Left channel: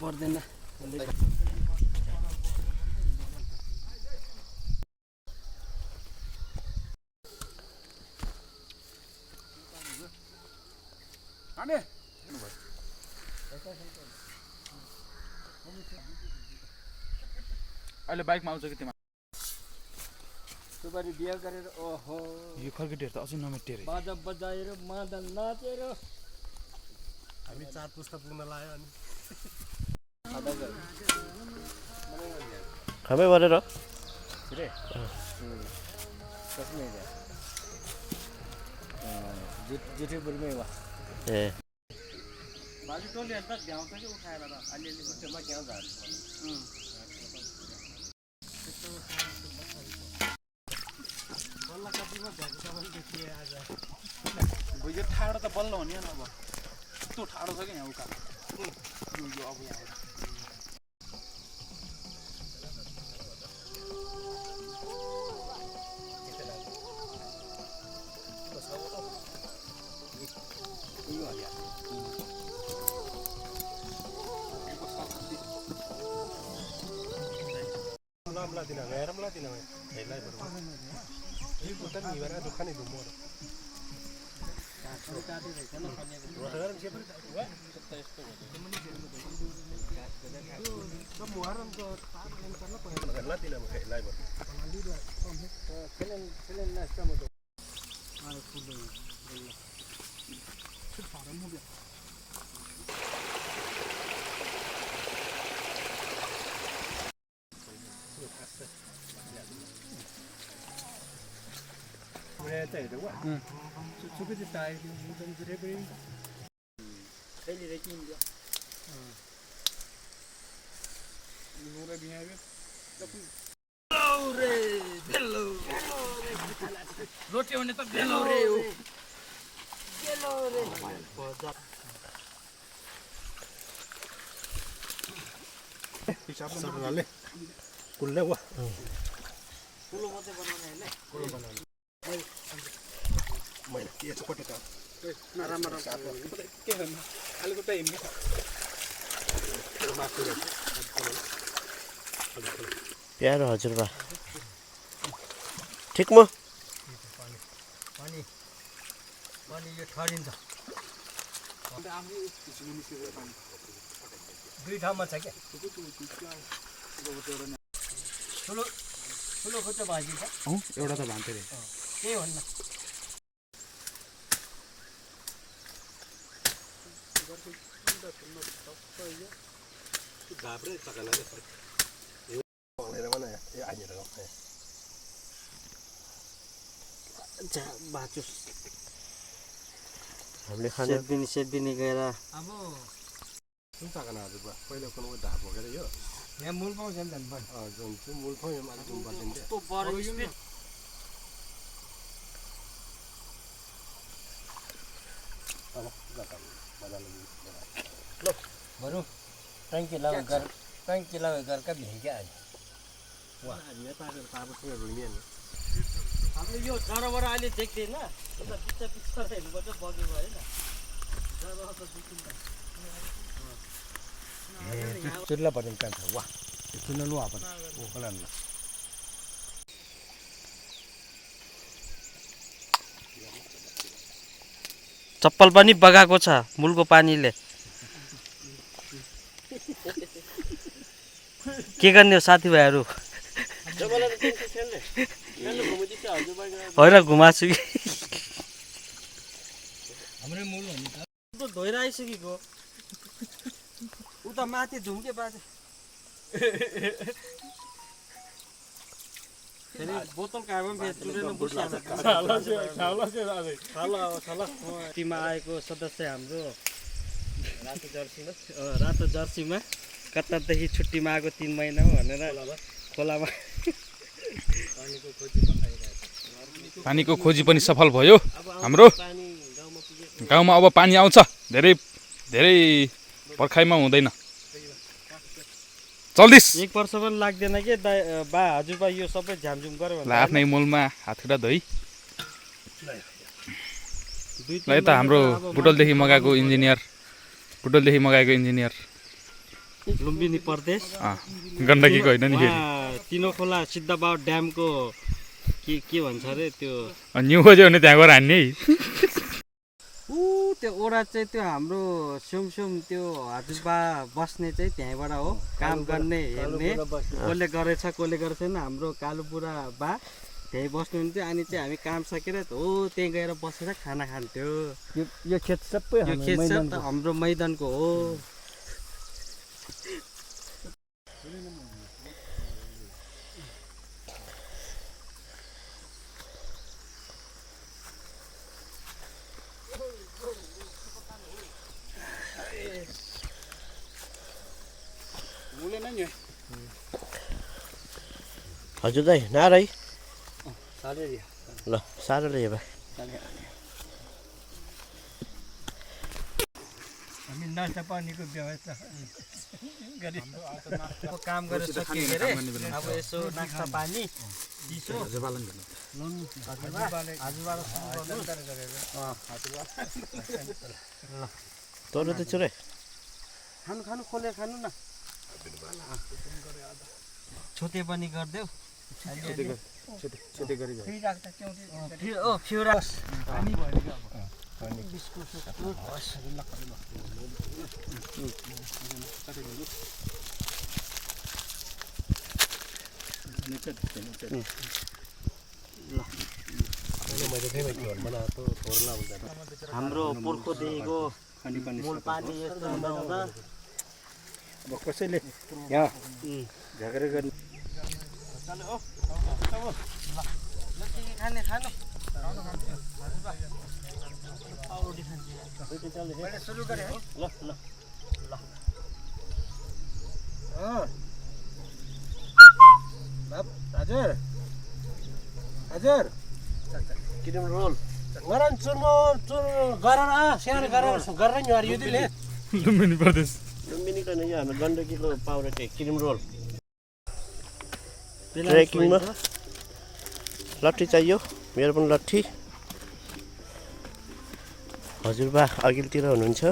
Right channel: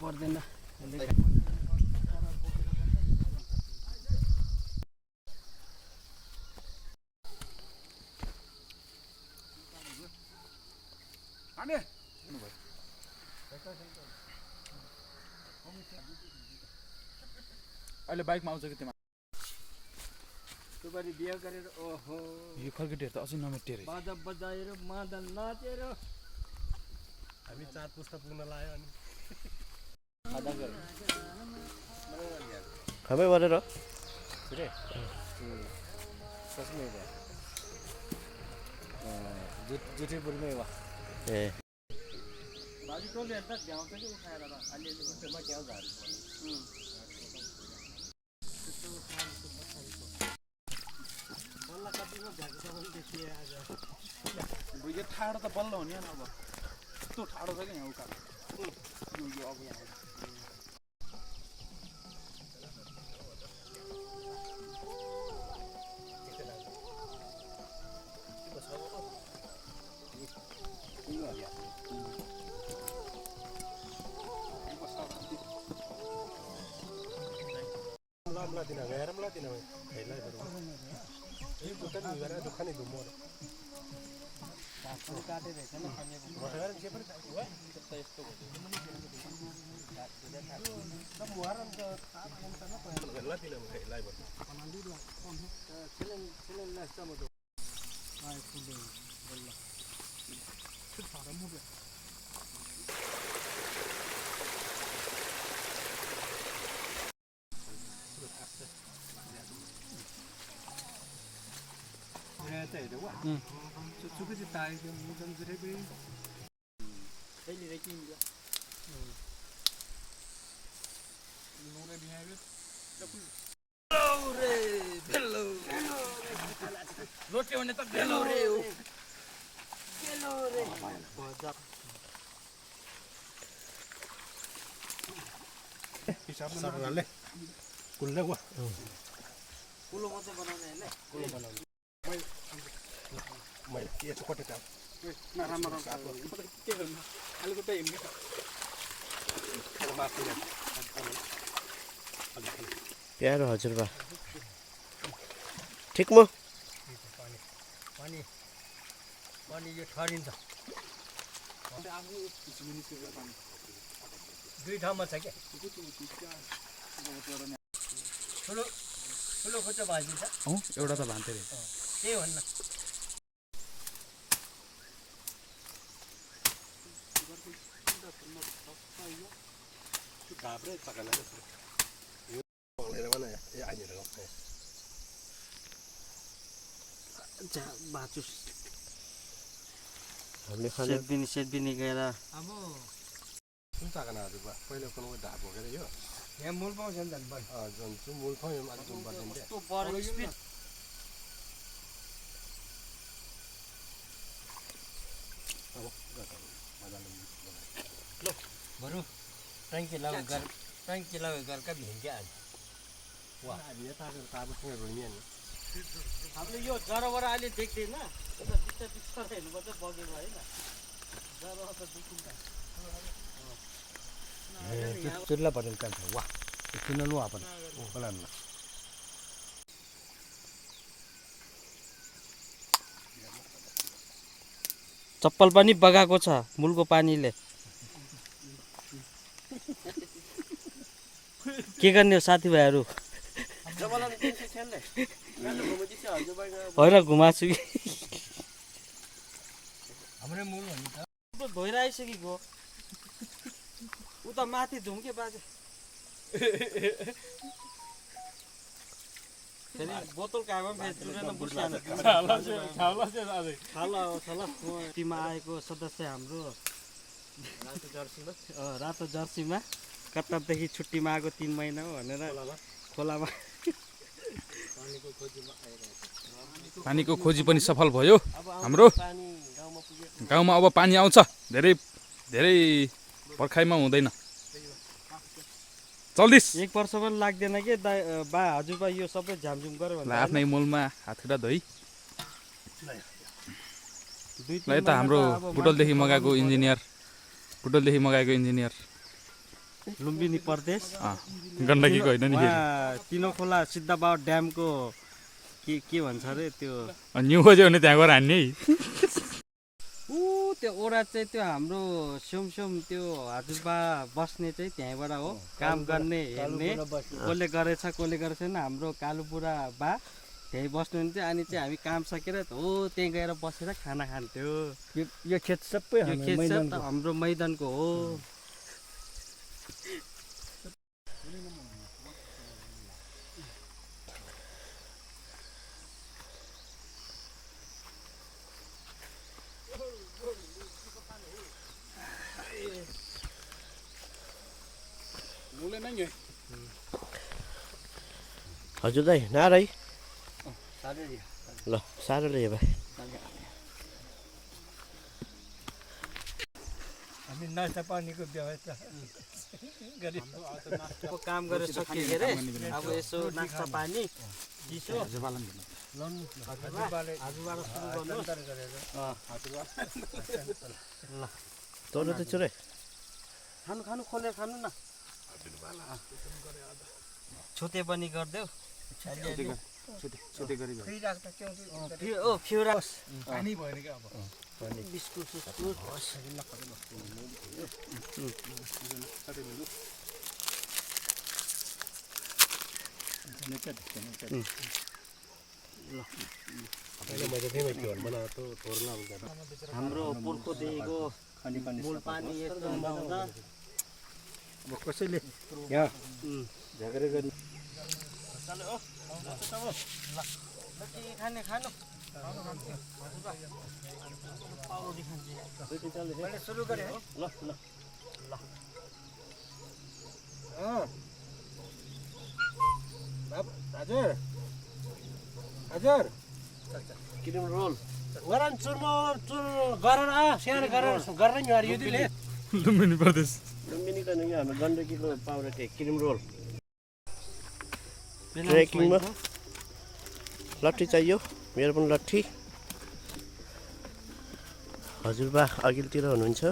पर्दैन अहिले बाइकमा आउँछ कि तिमीहरू सुपारी बिहा गरेर ओहो यो खर्केटीहरू त अझै नमेटेर बाजा बजाएर मादल नाचेर हामी 4 पुस्ता पुग्न लाग्यो अनि खामै गरेर रे कसले रे जुठे बुढीमै वा ए बाजु टोले त भ्याउँछ कि उठाएर र अलिअलि बुट्टेमा क्या झार्नु यो ठाडो त बल्ल हुने अब यस्तो ठाडो छ कि यहाँ उकालो यो अब यहाँ लोटे भने त बेलो रे सबनाले कुल्ले वा कुलो मात्रै बनाउने हैन कुलो बनाउने मैले के छ कटे त राम्रो के गर्नु अलिकति हिँड्ने प्यारो हजुरबा ठिक म पानी पानी यो ठरिन्छ दुई ठाउँमा छ क्या ठुलो ठुलो खुट्टा भाँचिन्छ एउटा त भान्थे रे त्यही भन्न घाब्रे चकला भनेर भने ए आइनेर बाचुस हामीले खाना सेदबिनी गएर अब कुन चकना हजुरबा पहिला कुन ढाप भोगेर यो यहाँ मूल पाउँछ नि त जुन मूल पाउँ अलिक जुन बदिन्छ त्यो बढी स्पिड अब जकाई मजाले ल बरु ट्याङ्की लगाउ गरेका भिङ्क्या आज वा नेपालको काबुसँग रुमिए नि हामीले यो जराबाट अहिले देख्दैन यता बिस्तार बिस्तार हेर्नुपर्छ बगेको होइन जरा त देखिन्छ चुल्ला बदल कान्छ वा चुल्ला लो आपण ओ कलान चप्पल पनि बगाएको छ मूलको पानीले के गर्ने हो साथीभाइहरू होइन घुमाछु कि हाम्रो मूल त धोएर आइसकेको उता माथि धुम्के बाजे बोतल टीमा आएको सदस्य हाम्रो रातो जर्सीमा कतारदेखि छुट्टीमा आएको 3 महिना हो भनेर खोलामा पानीको खोजी पनि सफल भयो हाम्रो गाउँमा अब पानी आउँछ धेरै धेरै पर्खाइमा हुँदैन चल्दिस एक वर्ष पनि लाग्दैन के बा हजुरबा यो सबै झ्यामझुम गर्यो ल आफ्नै मूलमा हातखुट्टा धोइ दुई ल यता हाम्रो बुटोलदेखि मगाएको इन्जिनियर लुम्बिनी प्रदेश गण्डकीको होइन नि फेरि तिनो खोला सिद्धबाउ ड्यामको के भन्छ अरे त्यो न्यु खोज्यो भने त्यहाँ गएर हान्ने है त्यो ओडा चाहिँ त्यो हाम्रो स्युम त्यो हजुरबा बस्ने चाहिँ त्यहीँबाट हो काम गर्ने हेर्ने कसले गरेछ कसले गरेको छैन हाम्रो कालो बुढा बा त्यहीँ बस्नुहुन्थ्यो अनि चाहिँ हामी काम सकेर हो त्यहीँ गएर बसेर खाना खान्थ्यो यो खेत सबै यो खेत चाहिँ हाम्रो मैदानको हो हजुर दाइ नार है ल साह्रो ल्यायो बा हामी नास्ता पानीको व्यवस्था काम गरेर सकियो के अरे अब यसो नास्ता पानी चिसो हजुरबालाई तोरो त छोरे खानु खोलेर खानु न छोते पनि गरिदेऊ हाम्रो पुर्खोदेखिको मूल पानी यस्तो हुँदा अब कसैले यहाँ झगडा गर्ने खाने खानु सुरु गरे है ल ल ल हजुर हजुर क्रिम रोल गरान चुर्मो गरेर सानो गरेर नि यो दिले लुम्बिनी प्रदेश लुम्बिनीको नै हाम्रो गण्डकीको पाउडर चाहिँ क्रिम रोल ट्रेकिङमा लट्ठी चाहियो मेरो पनि लट्ठी हजुरबा अघिल्तिर हुनुहुन्छ